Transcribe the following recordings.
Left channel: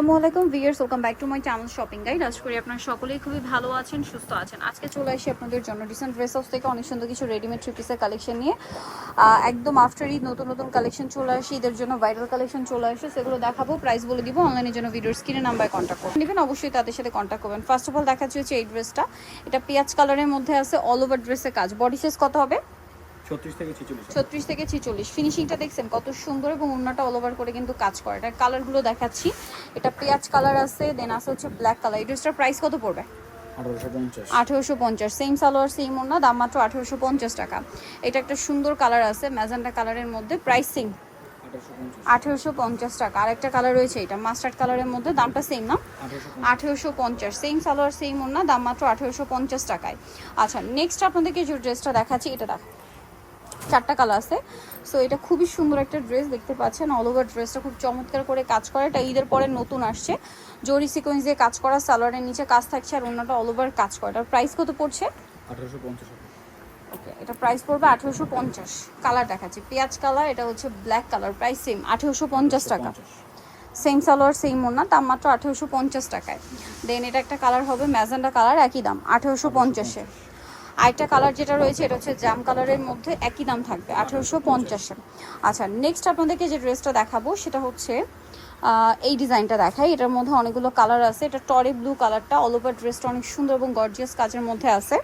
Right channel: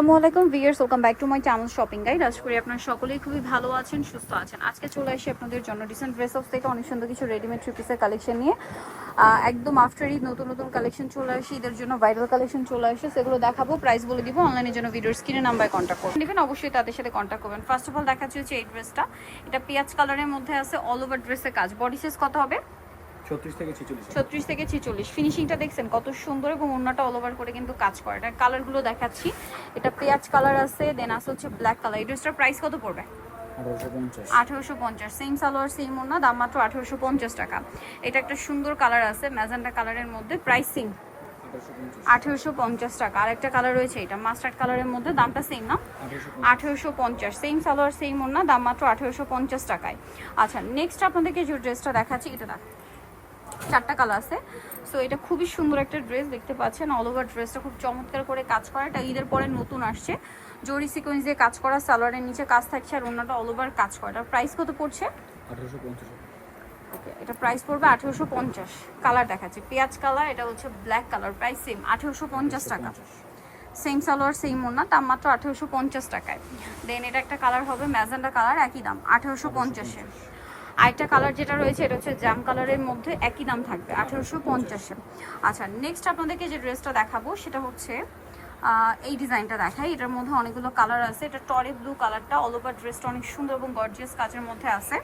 আসসালামু আলাইকুম viewers welcome back to my channel shopping guide. আশা করি আপনারা সকলেই খুবই ভালো আছেন, সুস্থ আছেন। আজকে চলে আসি আপনাদের জন্য রিসেন্ট ড্রেস হাউস থেকে অনেক সুন্দর কিছু রেডিমেড থ্রি পিসের কালেকশন নিয়ে। একদম আফটার ঈদ, নতুন নতুন কালেকশন চলে আসে, ঈদের জন্য ভাইরাল কালেকশন চলে আসে, সেগুলো দেখাবো প্রাইস বলে দিব অনলাইনের জন্য ভিডিওর স্ক্রিনে নাম্বার কন্ট্যাক্ট করবেন নেবেন অবশ্যই তাদের সাথে কন্ট্যাক্ট করবেন। ফার্স্ট অফ অল দেখাচ্ছি হচ্ছে এই ড্রেসটা এটা পেঁয়াজ কালারের মধ্যে আছে অল ওভার ড্রেসের কাজ। বডি সাইজ কত হবে? ছত্রিশ থেকে ছেচল্লিশ। ছত্রিশ থেকে ছিচল্লিশ। ফিনিশিংটা দেখছেন কত সুন্দর এবং অন্যটা অল ওভার করে কিন্তু কাজ করে এটা কালারগুলো দেখাচ্ছি। এটা পেঁয়াজ কালার আছে দেন আছে হচ্ছে ব্ল্যাক কালার এই ড্রেসটার প্রাইস কত পড়বে? আঠারোশো পঞ্চাশ। সেম সালোয়ার সেম ওনা দাম মাত্র আঠেরোশো পঞ্চাশ টাকা। এটা একটা সুন্দর কালার আছে ম্যাজেন্টা কালারের মধ্যে প্রাইস সেম আঠারোশো পঞ্চাশ টাকা। আরেকটা কালার রয়েছে এটা মাস্টার্ড কালারের মধ্যে দামটা সেম না? আঠেরোশো পঞ্চাশ। সেম সালোয়ার সেম ওনা দাম মাত্র আঠেরোশো পঞ্চাশ টাকায়। আচ্ছা নেক্সট আপনাদেরকে যে ড্রেসটা দেখাচ্ছি এটা দেখ চারটা কালার আছে। সো এটা খুবই সুন্দর একটা ড্রেস দেখতে পাচ্ছেন। অল ওভার ড্রেসটা খুব চমৎকার করে কাজ করে। এটা ঈদের পরে নতুন আসছে। জরি সিকোয়েন্স দিয়ে কাজ করা সালোয়ারের নিচে কাজ থাকছে আর অন্যটা অল ওভার কাজ করে। এটার প্রাইস কত পড়ছে? আঠারোশো পঞ্চাশ ওকে এটা প্রাইস পড়বে আঠেরোশো পঞ্চাশ। কালার দেখাচ্ছি। পেঁয়াজ কালার এটা হচ্ছে ব্ল্যাক কালার প্রাইস সেম আঠেরোশো পঞ্চাশ টাকা। সেম সালোয়ার সেম ওনা দাম মাত্র আঠেরোশো পঞ্চাশ টাকায়। দেন এটা একটা কালার হবে ম্যাজেন্ডা কালার একই দাম আঠেরোশো পঞ্চাশে। আরেকটা কালার যেটা রয়েছে এটা হচ্ছে জাম কালারের মধ্যে একই দাম থাকবে আঠেরোশো পঞ্চাশে আচ্ছা নেক্সট আপনাদেরকে যে ড্রেসটা দেখাবো সেটা হচ্ছে এই ডিজাইনটা দেখাই। এটার মধ্যে অনেকগুলো কালার আছে। এটা টরে ব্লু কালারটা অল ওভার ড্রেসটা অনেক সুন্দর এবং গর্জিয়াস কাজের মধ্যে আছে।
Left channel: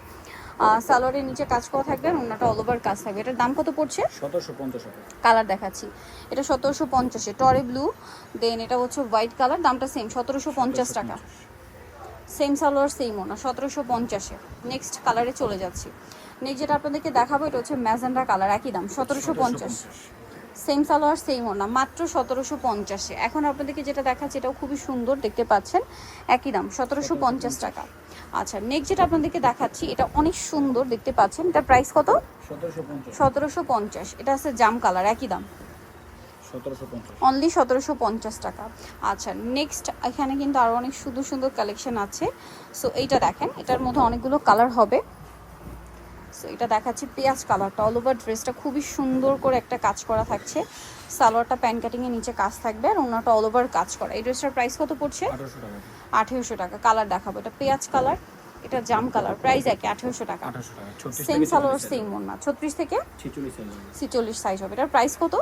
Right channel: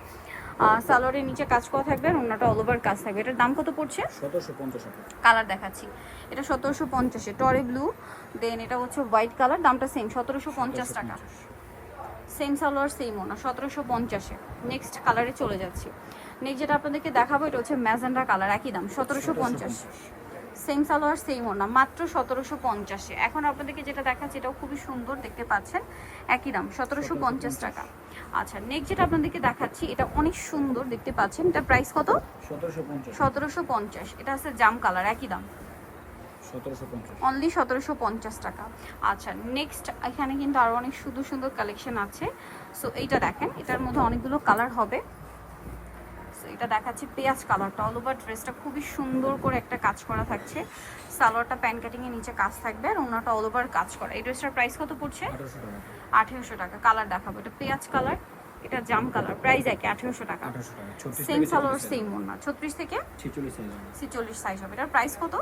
সালোয়ারের নিচে কাজ করা থাকবে আর অন্যটা অল ওভার কাজ থাকবে। এটার দাম কত পড়ছে? সতেরোশো পঞ্চাশ কালার দেখাচ্ছি। এটা সতেরোশো পঞ্চাশে টরে ব্লু দেন এটা হচ্ছে হোয়াইট কালার দামটা সেম সতেরোশো পঞ্চাশ টাকা। সেম সালোয়ার সেম ওনা সতেরোশো পঞ্চাশে। নেক্সট কালারে চলে যাচ্ছি। নেক্সট যেটা আপনাদেরকে দেখাবো এটা হচ্ছে ম্যাজেন্ডা কালার একই দাম সতেরোশো পঞ্চাশ। সেম সালোয়ার সেম ওনা মাত্র সতেরোশো পঞ্চাশে। এখন আপনাদেরকে যেটা দেখাচ্ছি এটাও খুবই সুন্দর দেখতে পাচ্ছেন? একই দাম সতেরোশো পঞ্চাশ টাকা। আচ্ছা নেক্সট যেটা আপনাদেরকে দেখাচ্ছি এটা অনেক সুন্দর দেখতে পাচ্ছেন? এটা প্রাইস কত? সতেরোশো পঞ্চাশ। এটা আছে জাম কালার একই দাম। অনলি সতেরোশো পঞ্চাশ টাকা। আচ্ছা নেক্সট এখানে কিন্তু আরও অনেক সুন্দর সুন্দর কালেকশন আছে। সো এইটা দেখেন এটার মধ্যে অনেকগুলো কালার হবে। সো এটা দেখাচ্ছি পেঁয়াজ কালারটা অল ওভার ড্রেসটা খুবই সুন্দর করে একটা কাজ করা থাকছে। সালোয়ারটা প্যান কাটিংয়ের নিচে কাজ থাকবে আর ওনাটা অল ওভার কাজ করা। এই ড্রেসটার প্রাইস কত পড়ছে? আঠেরোশো টাকা। কালার দেখাবো। এটা পেঁয়াজ কালার এটা জাম কালার প্রাইস একই আঠেরোশো টাকা। সেম সালোয়ার সেম ওনা ছত্রিশ থেকে? ছিচল্লিশ সাইজ হবে। এটার প্রাইস কত?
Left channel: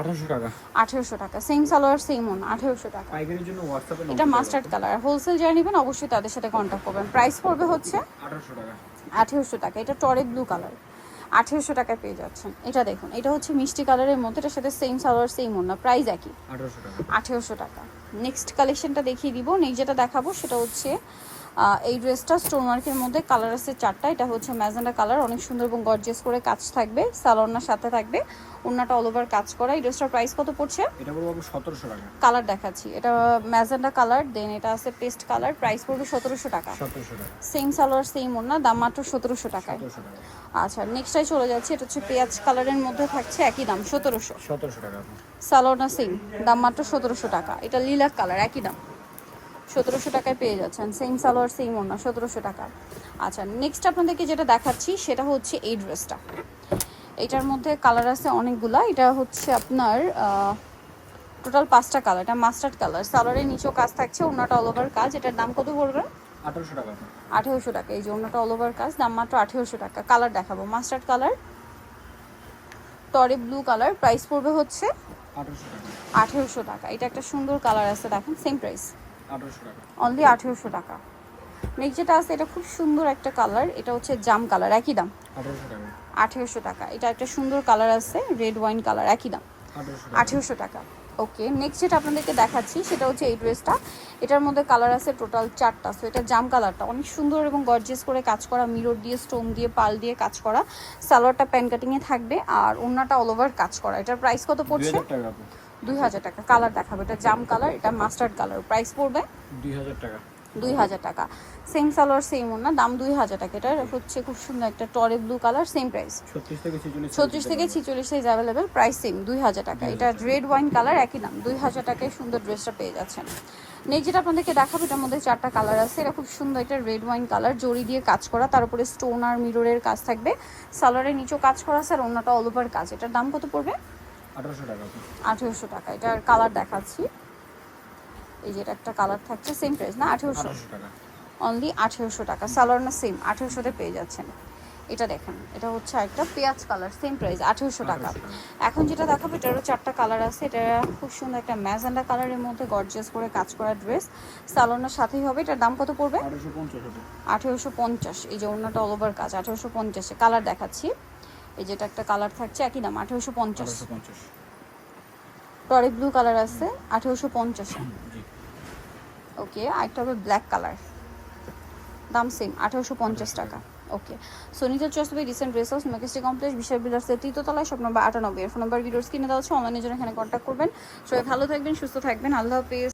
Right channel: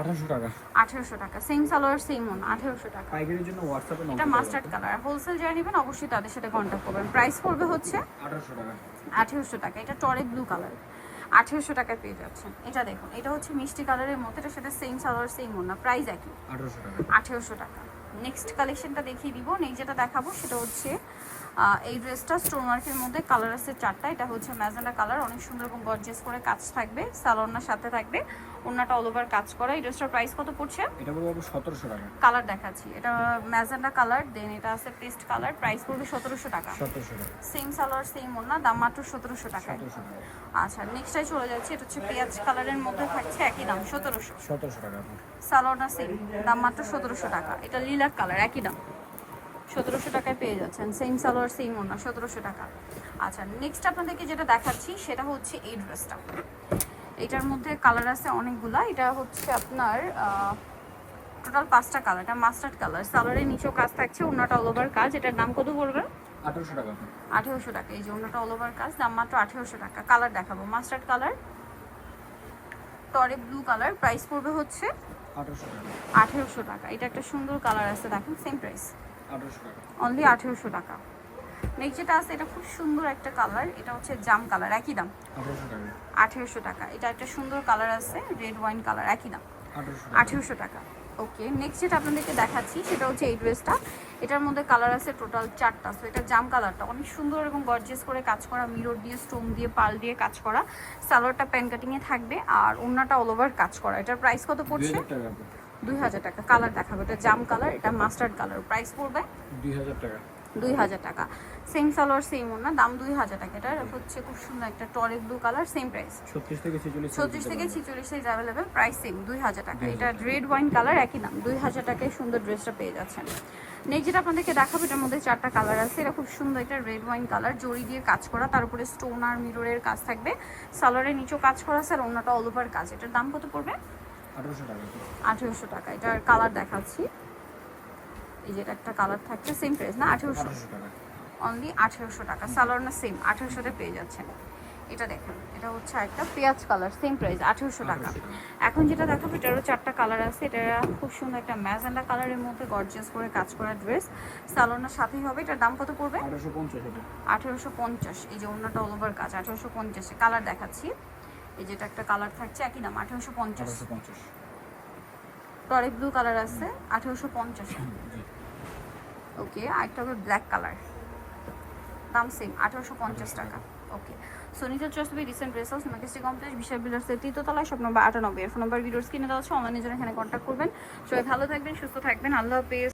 আঠারোশো টাকা। আঠেরোশো টাকা। সেম সালোয়ার সেম ওনা আঠেরোশো টাকা। পাইকারির জন্য হোয়াটসঅ্যাপে এটা মাস্টার্ড কালার হোলসেল যারা নেবেন অবশ্যই তাদের সাথে কন্ট্যাক্ট করবেন। প্রাইস পড়বে হচ্ছে আঠারোশো টাকা। আঠেরোশো টাকা। এটা টরে ব্লু কালার আঠেরোশো টাকায় পেয়ে যাচ্ছেন। এটা দেখুন এটা হচ্ছে মিষ্টি কালারের মধ্যে এটার সাথে সেম সালোয়ার সেম ওনা প্রাইস একই। আঠারোশো টাকা। আঠেরোশো টাকা। নেক্সট কালেকশনটা দেখিয়ে দিব। নেক্সট যেটা দেখাবো সেটা হচ্ছে এই ড্রেসটা স্টোন ওয়ার্কের মধ্যে কালার আছে চারটা। এটা হচ্ছে ম্যাজেন্ডা কালার অনেক সুন্দর এবং গর্জিয়াস করে কাজ থাকবে সালোয়ারনার সাথে থাকবে। ওনাটা অল ওভার কাজ করা। এই ড্রেসটার প্রাইস কত পড়ছে? এটা বলব সতেরোশো টাকা। কালার দেখাচ্ছি। এটা ম্যাজেন্ডা কালার দেন এটা আছে পেস্ট কালার প্রাইস পড়বে সতেরোশো টাকা। সতেরোশো টাকা। সেম সালোয়ার সেম ওনা দাম মাত্র সতেরোশো টাকা। সতেরোশো টাকা। আচ্ছা নেক্সটটাই চলে যাচ্ছে। এটা হচ্ছে পেঁয়াজ কালারের মধ্যে থাকছে একই দাম সতেরোশো। সতেরোশো টাকা। আপু। সালোয়ারটা সেম দাম মাত্র সতেরোশো টাকা। এটা লিলাক কালার একই দাম। সতেরোশো টাকায় পেয়ে যাচ্ছেন। সেম সালোয়ার সেম ওনা সতেরোশো টাকা। আচ্ছা নেক্সট আপনাদেরকে যেটা দেখাচ্ছি সেটা হচ্ছে এই ড্রেসটা এটার মধ্যে কালার আছে অনেকগুলা। এটা হচ্ছে আপনার টোটাল পাঁচটা কালার এটা মাস্টার্ড কালার সালোয়ারের নিচেও কাজ থাকছে ওনাটা অল ওভার কাজ। এটার দাম কত পড়বে? আঠারোশো টাকা। আঠেরোশো টাকা। এই যে অন্যটা অল ওভার কাজ দাম মাত্র আঠেরোশো টাকা। কালার দেখাবো। মাস্টার্ড কালার টরে ব্লু কালার প্রাইস পড়বে হচ্ছে আঠেরোশো টাকা। এটা একটা সুন্দর কালার আছে দেখেন সেম প্রাইস অনলি আঠেরোশো টাকা। নেক্সট যেটা আছে এটা খুব সুন্দর একটা কালার এটা হচ্ছে জাম কালার একই দাম। আঠারোশো টাকা। এটা একটা সুন্দর কালার আছে রেড ওয়াইন কালার একই দাম। আঠেরোশো টাকা। ওকে নেক্সট যেটা আপনাদেরকে দেখাচ্ছি সেটা হচ্ছে এই ড্রেসটা এটার মধ্যে কালার আছে টোটাল চারটা। সো এটা জাম কালারটা অনেক সুন্দর এবং গর্জিয়াস করে কাজ করা মিরর দিয়ে স্টোন দিয়ে পাল দিয়ে কাজ করা। সালোয়ারটা প্যান কাটিংয়ে থাকবে। আর ওড়নাটা অল ওভার কাজ করা। এটার প্রাইস কত পড়ছে। দুই হাজার টাকা। কালার দেখাবো। এটা জাম কালার এটা মাস্টার্ড কালার প্রাইস পড়বে দুই হাজার টাকা। দুই হাজার টাকা। সেম সালোয়ার সেম ওড়না দাম দুই হাজার টাকা। এটা হচ্ছে খুব সুন্দর একটা টরে ব্লু কালার সেম প্রাইস ছত্রিশ থেকে ছিচল্লিশ সাইজ অ্যাভেলেবেল প্রাইস সেম দুই হাজার টাকা। এটা রেড ওয়াইন কালার একই দাম। দুই হাজার টাকায় সুন্দর ড্রেসটা পেয়ে যাচ্ছেন। নেক্সট যেটা আপনাদেরকে দেখাবো এটার মধ্যে চারটা কালার আছে। এটা খুব সুন্দর একটা রেড ওয়াইন কালার জড়ি দিয়ে কাজ করা। তার উপরে স্টোন আর মিররের কাজ থাকবে। সালোয়ারের নিচেও কাজ করা আছে আর অন্যটা অল ওভার কাজ। এটার দাম কত পড়বে? আঠারোশো টাকা আঠেরোশো টাকা এটার কালার দেখাচ্ছি। এই যেটা একটা কালার থাকছে সেম প্রাইস না? আঠেরোশো টাকা। অনলি আঠেরোশো টাকা সালোয়ার না সেম আঠেরোশোতে পেয়ে যাচ্ছেন। এটা দেখেন এটা হচ্ছে একটা পেঁয়াজ কালার সেম প্রাইস আঠেরোশো টাকা। এখন যেটা দেখাবো এটারও চারটা কালার আছে। এটা খুব সুন্দর একটা ম্যাজেন্ডা কালারের মধ্যে গর্জিয়াস করে কাজ করা ড্রেস সালোয়ারের সাথেই হবে এটার দাম কত পড়বে? আঠেরোশো পঞ্চাশ এই যে অন্যটা অল ওভার কাজ আঠেরোশো পঞ্চাশে কালার দেখাচ্ছি। এই যেটা একটা কালার থাকছে একই দাম আঠেরোশো পঞ্চাশ। টরি ব্লু কালার আছে আঠেরোশো পঞ্চাশে। জি। ওকে আরেকটা হবে ব্ল্যাক কালার দাম সেম আঠারোশো পঞ্চাশ টাকা। ওকে সোনিতে চয়েস হবে রিসেন্ট ড্রেস হাউস মেকেস্টি কমপ্লেক্স বিশাল বিলাসের তৃতীয়তলায় সব নম্বর আটানব্বই। এর ফোন নম্বর ভিডিওস কিনে দেওয়া হচ্ছে অনলাইনের জন্য এখানে কন্ট্যাক্ট করবেন। সবাই ভালো থাকবেন সুস্থ থাকবেন। আল্লাহ হাফেজ।